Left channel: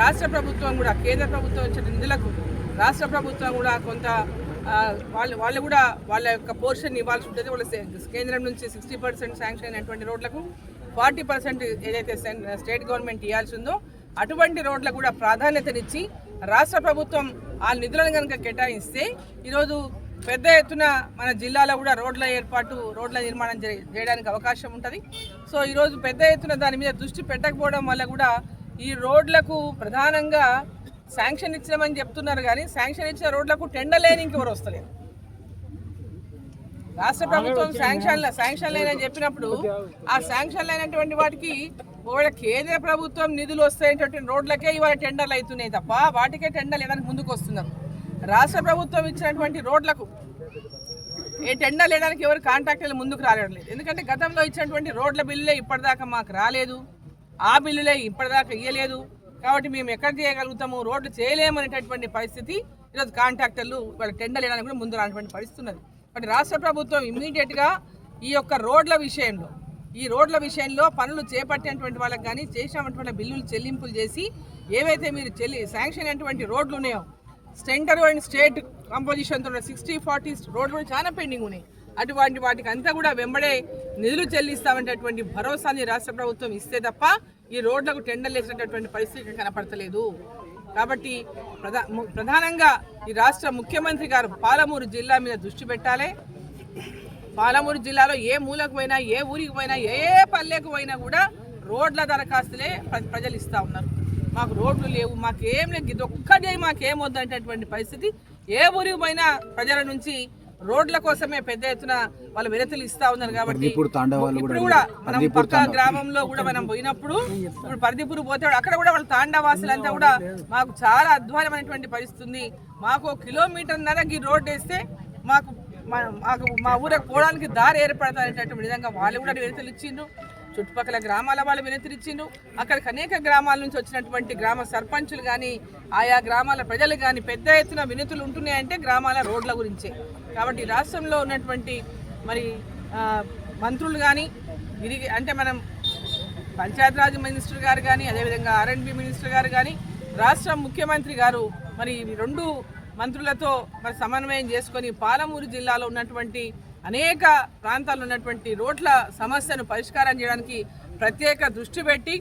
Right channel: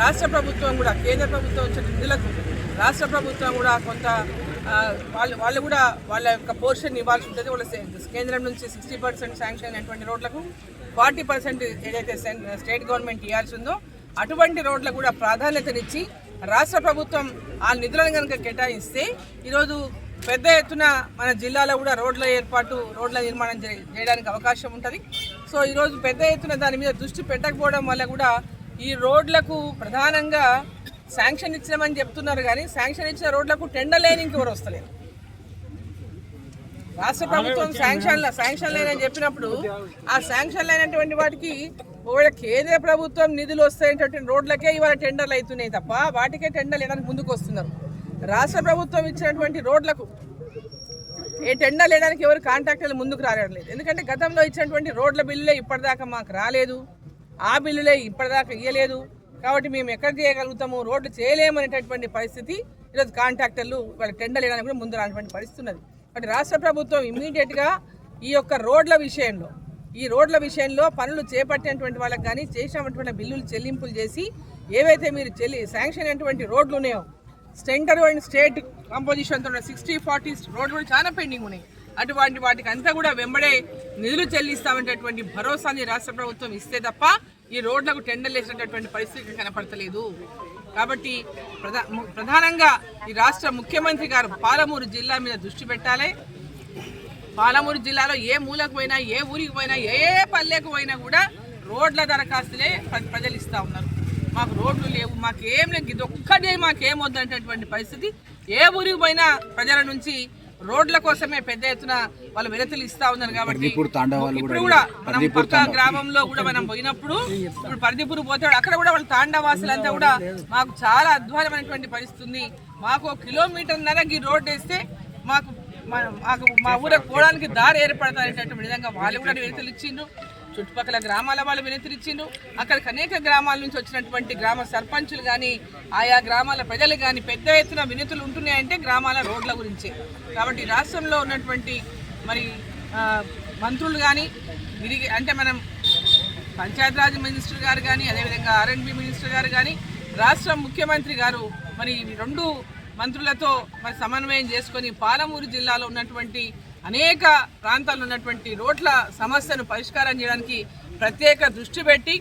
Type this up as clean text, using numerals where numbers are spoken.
రాష్ట్ర ప్రభుత్వం కూడా కేంద్ర ప్రభుత్వం ఇచ్చిన నిధులకు రాష్ట్ర ప్రభుత్వం కూడా కొంత వాళ్ళు కూడా వాళ్ళ యొక్క పోర్షన్ ఇవ్వాల్సి ఉంటుంది. వాళ్ళ కేంద్రం నుంచి 60% శాంక్షన్ అయినటువంటి రోడ్లకు 40% ఏదైతే స్టేట్ గవర్నమెంట్ ఇవ్వాల్సి ఉందో అటువంటి రోడ్లకు కూడా ప్రాధాన్యతనిచ్చి రాష్ట్ర ప్రభుత్వం ఆ నిధులను కనుక కేటాయిస్తే ఈరోజు పెద్ద ఎత్తున మన జిల్లాలో కూడా రోడ్ల ఏర్పాటు రోడ్ల నిర్మాణం చేయడానికి అవకాశం ఉంటుంది. సో ఈరోజు పెద్ద ఎత్తున దాని మీద దృష్టి పెట్టకపోవడం వల్ల కూడా ఈ రోడ్లకు ప్రధానంగా శాంక్షన్ ఇచ్చినామని చెప్తున్నారు, కానీ శాంక్షన్ ఇచ్చిన రోడ్లకు టెండర్ లేని ఇంకెవరు వస్తలేదు. రాష్ట్ర ప్రభుత్వం శాంక్షన్ లేని చెప్పినప్పుడు ఆ శాంక్షన్ లేనటువంటి వాటికి ఒకవేళ కేంద్ర ప్రభుత్వం నిధులు వస్తాయనేటువంటి రోడ్లకే ఇవాళ టెండర్లు అవుతున్నాయి తప్ప వాటికే టెండర్లు వేయడానికి ముందుకు వస్తున్నారు. రాష్ట్ర ప్రభుత్వం ఇచ్చినటువంటి రోడ్లకు ఏ టెండర్ వేయడానికి ఎవరు కాంట్రాక్టర్లు ముందుకు రాలేదు. ఎందుకంటే గతంలో ఇచ్చినటువంటి రోడ్ల బిల్లులే ఇప్పటిదాకా మాకు రాలేదు, ఆ బిల్లులే ఇప్పటిదాకా ఇవ్వలేదు. కాబట్టి మేము ఎక్కడ చేయగలుగుతాము, రోడ్లు చేయలేమనేటటువంటి పరిస్థితి ఈరోజు కాంట్రాక్టర్లు వాళ్ళ టెండర్ వేయడానికి కూడా ముందు రానటువంటి పరిస్థితి ఉన్నది. కాబట్టి రాష్ట్ర ప్రభుత్వం ఇమ్మీడియట్గా ఈ యొక్క రోడ్ల విషయంలో పనులు చేపట్టినటువంటి వాళ్ళకి కానీ చేసినటువంటి బిల్లులు చెల్లింపులు చేసి ఏవైతే మీరు శాంక్షన్ అయినటువంటి రోడ్లు ఉన్నాయో సెంటర్ అండ్ స్టేట్ కంపోజిషన్తో 60-40 రోడ్లు చాలా పెండింగ్ ఉన్నాయి. అటువంటి వాటికి అంతా కూడా వెంబడే నిధులు చెల్లిస్తామనేటటువంటి భరోసాని రాష్ట్ర ప్రభుత్వం ఇస్తే తప్ప ఈ రోడ్లకు టెండర్లు వేసినటువంటి పరిస్థితి కనపడతలేదు. కాబట్టి ప్రధానంగా ఈ రాష్ట్ర ముఖ్యమంత్రి గారు పాలమూరు జిల్లా మీద దృష్టి పెట్టాలి. పాలమూరు జిల్లాలో ఏ మూలకు పోయినా, ఏ ఊరికి పోయినా, ఏ పల్లెకు పోయినా కూడా రోడ్ల దరఖాస్తులే ప్రజలు ఇస్తూ ఉన్నారు. మాకు రోడ్లు లేవు, మాకేం లేదు, ఇది ఒక్కటే మాకేం వద్దనేటటువంటి పరిస్థితి. ఏ ఊరికి పోయినా ప్రజల నుంచి రోడ్ల కోసమే పెద్ద ఎత్తున వాళ్ళు వినతులు ఇస్తా ఉన్నారు. కాబట్టి ఇప్పుడు కూడా మనం పక్క గ్రామంలో కూడా మనం పోయినప్పుడు ఇప్పుడు పర్దిపూర్ పోతాడు, అక్కడ కూడా వాళ్ళ తాండవాసులంతా కూడా మాకు చాలా అధ్వానమైనటువంటి పరిస్థితి ఉంది. మాకు 1.5 కిలోమీటర్కి రోడ్డు వేస్తే మాకు మా ఊరికి పోవడానికి దారి ఏర్పడతారనేటటువంటి విధంగా వాళ్ళు కూడా వినతులు ఇచ్చిండ్రు. చుట్టుపక్కల గ్రామాల వాళ్ళు వినతులు ఇచ్చిండ్రు. అక్కడికి అనేక గ్రామాల నుంచి వచ్చినటువంటి గ్రామ సర్పంచులు కానీ ఆయా గ్రామాల ప్రజలు కానీ పెద్ద ఎత్తున వినతులు ఉంటున్నాయంటే గ్రామాల రోడ్ల గురించే. కాబట్టి రాష్ట్రంలో ఉన్నటువంటి మరి మంత్రులు కానీ అంటే మనం పంచాయతీరాజ్ మినిస్టర్ గారు కానీ అదేవిధంగా R&B మినిస్టర్ గారు కానీ రాష్ట్ర ముఖ్యమంత్రి గారు మరి 2 మంత్రులతో మరి సమన్వయం చేసుకొని పాలమూరు జిల్లాలో ఉన్నటువంటి అనేక ప్రాంతాల్లో ఉన్నటువంటి రోడ్ల సమస్యను పరిష్కారం చేయడానికి ప్రత్యేక దృష్టి పెట్టి